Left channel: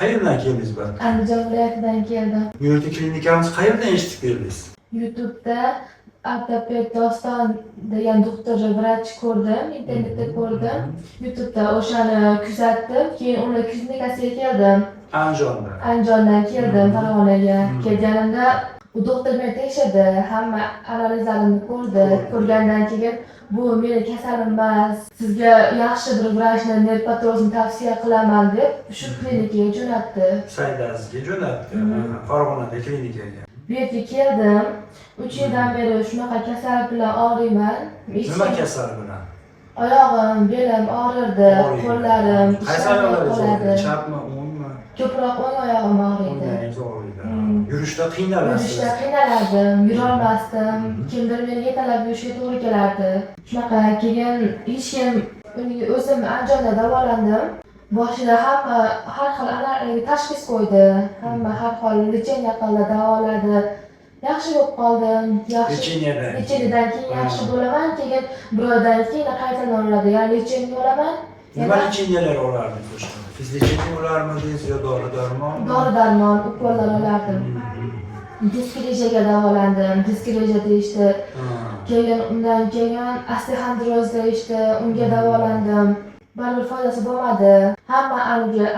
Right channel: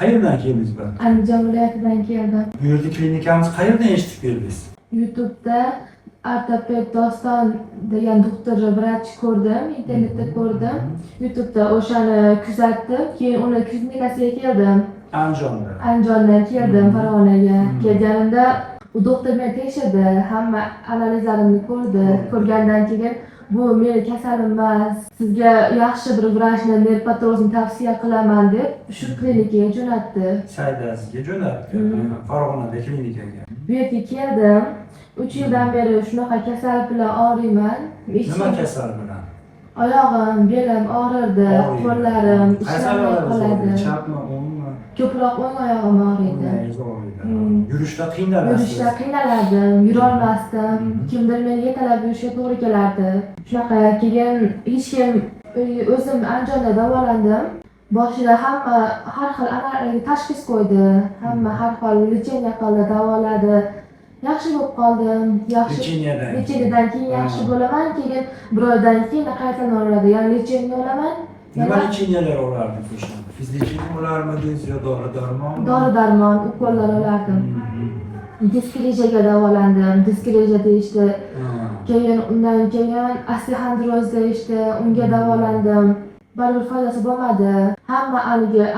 Qayerdan keldingiz bu? Andijon viloyatidan keldim. Bu yerda klinikamiz qayerdan eshitib keldingiz? YouTube'da ortoped Doston degan doktor vrach ko'rdim, internetda ko'rdim. YouTube'da o'shani kuzatdim, keyin uni klinikasiga keldim. Andijondan keldim Farg'onaga. Kelganimda u doktor meni tekshirdi, hamma analizlarimni ko'rdi. Ko'rgandan keyin bu meni kasalim emas, sizga yaxshi bir vrachni, nerpatologni tavsiya qilaman deb shu klinikaga jo'natdi. Saydazga jo'natdi. Farg'onada klinikaga. Bu yerga keldim. 3 yildan beri shunaqa kasallik bilan og'riyman. Nima kasal bilan? Oyog'im, belim og'rirdi, qo'llarim ishlamay qoladi. Chapmi, o'ngmi? Ko'proq o'ng oyog'im og'riydi. Yurishda qiynalasiz. Yurishda qiynalardim, yurolmasdim. Kimdir meni yetalab yurishga to'g'ri kelardi. Shunaqa keyin hech kim, o'zim Andijonda davolandim. Boshida hamma har xil tashxis qo'ydi. Hamma har xil lecheniya qildi, davoladi. Yaxshi bo'lib qoldim. Lecheniyadan keyin yaxshi bo'laman, keyin bir oydan keyin qaytadan oladi. Ya'ni lecheniya olaman. Nima lecheniyalar olardi o'shanda? Fizlecheniya olarmidingiz yo dori-darmon? Dori-darmon, ukollar olardim. Diskrejaga davolandim. Diskreja işte. Keyin undan keyin osteoxondrozda işte unga davolandim. Baribir foydasi bo'lmadi. Hamma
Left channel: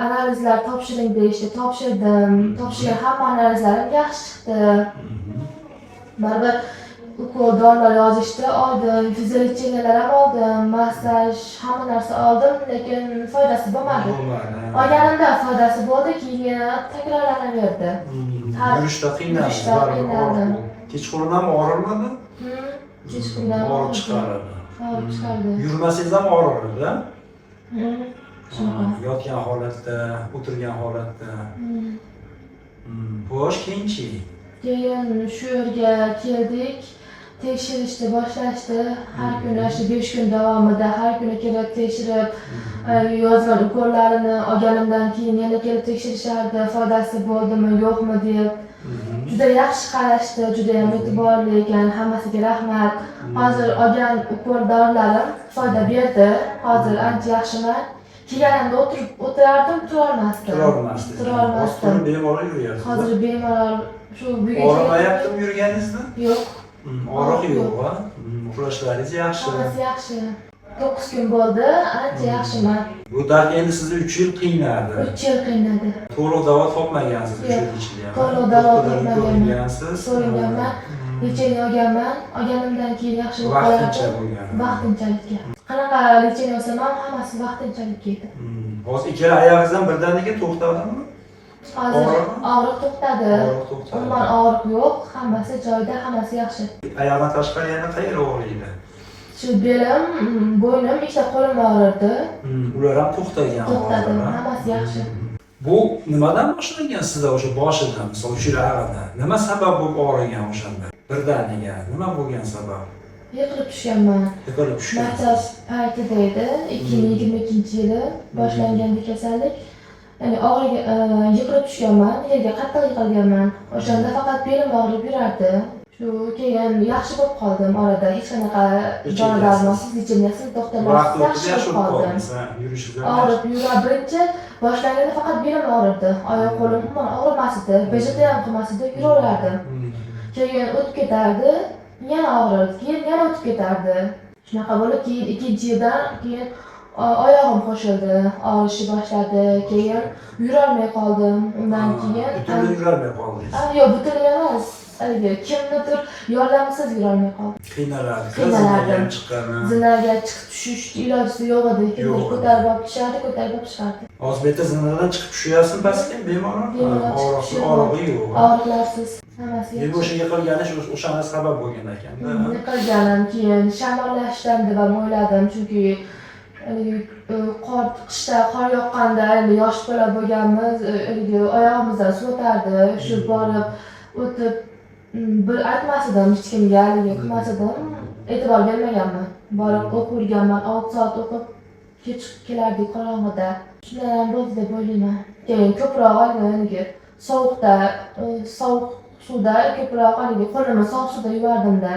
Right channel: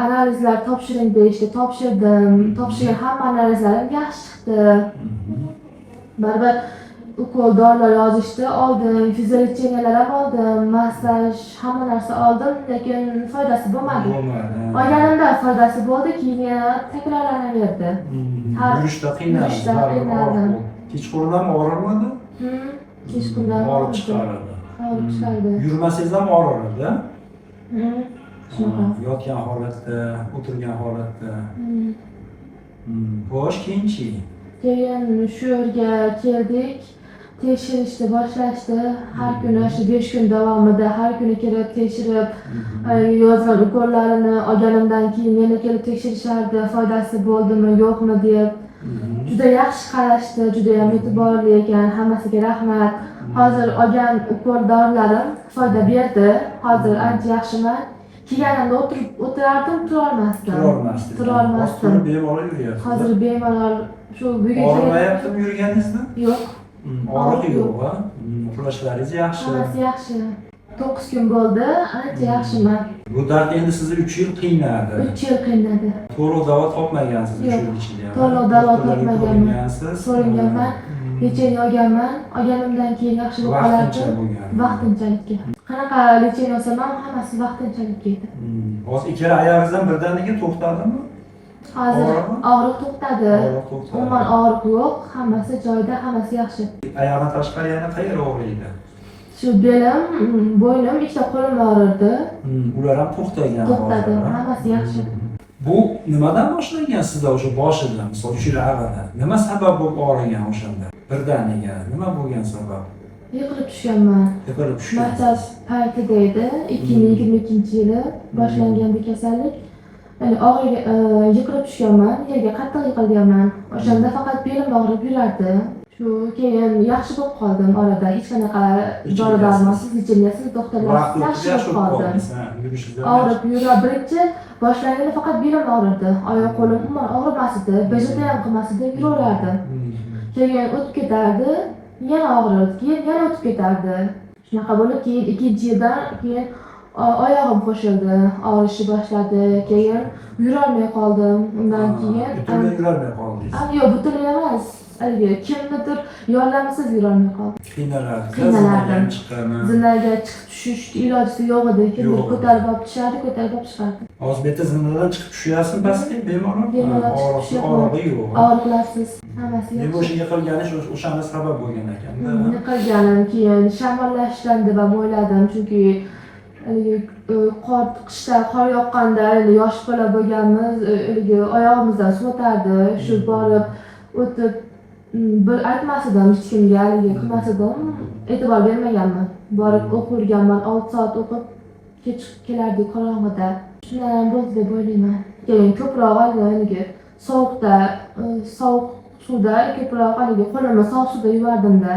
analizlar topshiring deyishdi, topshirdim. Topshirgan hamma analizlarim yaxshi chiqdi. Baribir ukol dorilar yozishdi, oldim. Fiziolecheniyalar ham oldim, massaj, hamma narsa oldim, lekin foydasi bo'lmadi. Olganimda foydasi bo'ldi, keyin yana takrorlanaverdi. Yurishda qiynaldim. Kechqurun ham og'rirmadi? Kechqurun og'rib chiqardi. Og'rib chiqardi. Yurmasangiz ham og'rirdi. Shunaqa. Yotgan holatda, o'tirgan holatda. Xo'sh, keyinchi? Keyin shu yerga keldik. Tekshirishni boshlashdi. Har kuni shu 5 kun davomida har kuni kelib tekshirib, yozgan ukollarini olganimdan keyin yana kelib tekshirishardi, foydasi bo'ldimi, yo'qmi deb. Juda yaxshi qarashdi, juda ham e'tiborli ekan. Hammasiga rahmat. Hozir olgan ukol dorilarim foyda berdi. Hozir ancha yaxshiman. Kelganimda o'tirardim, turolmasdim. Bemalol yuryapsiz. Hozir bemalol shu bugun og'rimayaptimi yurganingizni? Yo'q. Og'riq yo'q, ha? Uxlashlaringiz yaxshi. Hammasi yaxshi. 9 kun bo'ldi, ancha yaxshiman. Bu dard endi sizni 3 yil qiynadi. 3 yil qiynadi. To'liq davo topmagansiz 3 yil ichida. To'liq davo topmaganman. So'raganman. Lecheniya olganman. Olganimdan keyin yaxshi bo'lib qoladi. Vaqtinchalikka. Qanaqa lecheniya olsam ham hammasi vaqtinchalik edi. Hozir ikkala oyog'ingizdan birdaniga to'xtadimi? Hozir og'riq to'xtadi. Umuman og'riq yo'q, hammasi joyida, hammasi yaxshi. Oyoqdan tashqari yana qayer og'riydi? Shu belim, bo'ynim, ikkita qo'lim og'rirdi. Ular ham to'xtagan. To'xtadi, hammasi yaxshi. Bu nimadan boshlangan sizda o'sha boshida, misol uchun nima sabab bo'lib og'rigan o'shanda? Birdaniga nima bo'lgan sabab? Yiqilib tushganman. Yiqilib tushgan. Martaz paytida edi, 2022-yili boshlangan bu kasallik. Ya'ni yiqilib tushganman, yerga qattiq yiqilganman. O'shanda faqat belim og'rib yurardi. Shu keyin yaxshi bo'lib qoldim orada, hech qanaqa dori-darmonsiz, lecheniyatsiz, doktorlarsiz yaxshi bo'lib qoldim. Og'rib yura birinchi boshlanganda faqat belim og'rirdi. Oyoq qo'lim umuman og'rimas edi, BJD ham qilmas edi, yuraverardim. Keyin o'tib ketardi, yana og'rirdi, keyin yana o'tib ketardi. Shunaqa bo'lib, keyin 2-yildan keyin oyog'im qo'shildi, og'rishni boshladi, keyin yurolmay qoldim. Undan keyin butunlay yurolmay qoldingiz. Yo'q, butunlay emas. Kimnidir yordamisiz yurolmay qoldim. Qiynaladi. Zinaga chiqib tushish iloji yo'q edi. Kimdir ko'tarib olib tushardi, ko'tarib olib chiqardi. Hozir bitta zinadan chiqib tushyapsiz pastga, bemalol. Og'rig'i yo'q. Og'riqlarsiz, hammasi yaxshi. Men o'sha yiqilganish o'shanda sabab bo'lgan ekan. Yiqilganim, keyin shamollashdan deb o'yladim, chunki qishda qor yoqqanda endi yosh bola bo'lganmiz, oyog'imizdan suv o'tardi, shu borib o'tib bir aytmas edim hech kimga, qilmas edim, e'tibor bermaganman. Borib o'qirganman, 6 soat o'qib kech kelardik qorong'ida. Shundan ham bo'ldi deb o'ylayman. Keyin ko'proq sovuqda, sovuq suvda ko'proq qo'limni sovuq suvda yuvardimda.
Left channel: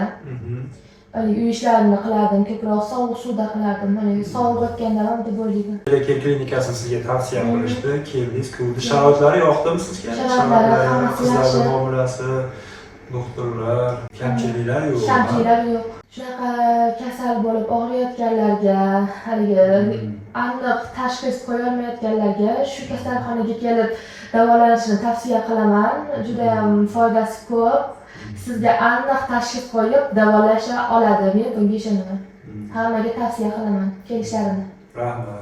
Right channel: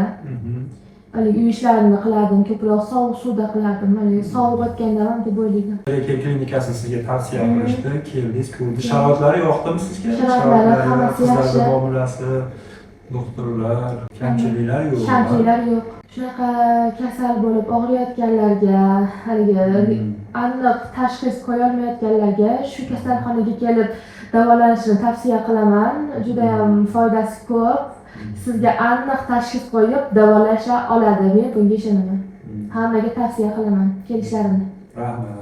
uy ishlarini qilardim, ko'proq sovuq suvda qilardim. Sovuq botganda ham deb o'ylayman. Lekin klinikasini sizga tavsiya qilishdi, keldingiz, ko'rdi. Sharoitlari yoqdimi sizga? Sharoitlari hammasi yaxshi. Qizlar muomalasi, doktorlar, kamchiliklar yo'q. Kamchiliklar yo'q. Shunaqa kasal bo'lib og'riyotganlarga, haligi aniq tashxis qo'yolmayotganlarga shu kasalxonaga kelib davolanishni tavsiya qilaman. Juda ham foydasi ko'p. Sizga aniq tashxis qo'yib davolasha oladi. Men bunga ishonaman. Hammaga tavsiya qilaman kelishlarini. Rahmat.